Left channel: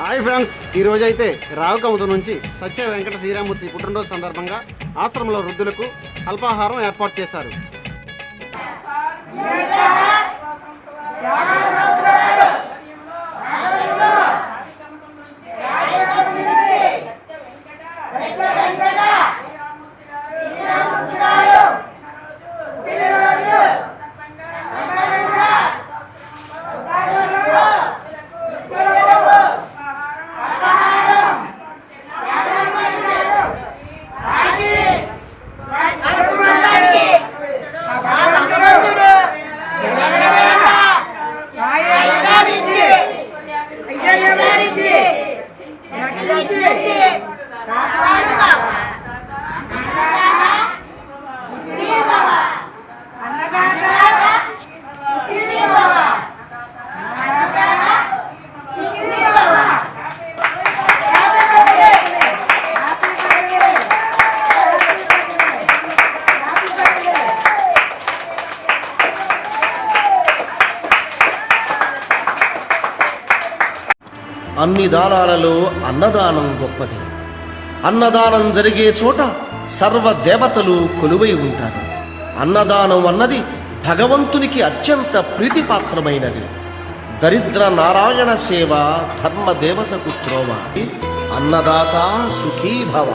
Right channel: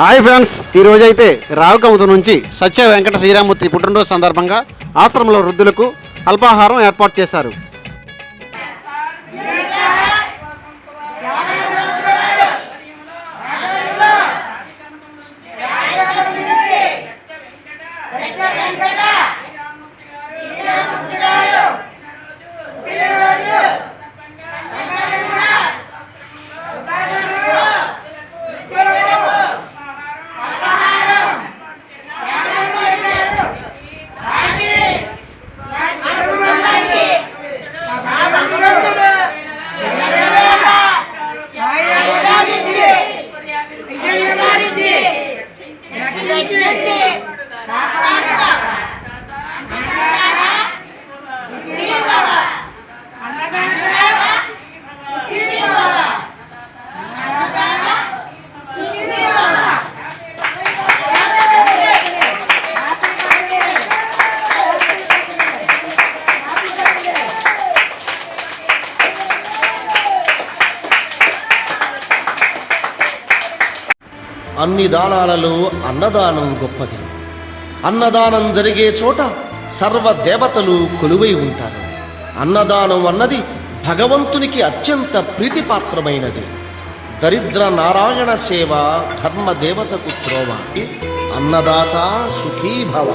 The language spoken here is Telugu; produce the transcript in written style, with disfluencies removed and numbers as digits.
హాయ్ ఫ్రెండ్స్, ఈ రోజైతే రావుకముద నుంచి సత్య వెంకట శ్రీరామూర్తి పుట్టినరోజు సందర్భంగా ఆశ్రమంలో వృద్ధులకు అల్పాహారం ఏర్పాటు చేశారు. అన్ని దానాలలో అన్నదానం గొప్పది. అన్నదానం జరిగే చోట సర్వదేవతలు కొలువై ఉంటారు. అన్నదానం అన్నది భగవంతునికి అత్యంత ప్రీతిపాత్రమైనది. దరిద్ర నారాయణ సేవ ధర్మదేవతకు త్రోవ. అన్నదాత సుఖీభవ.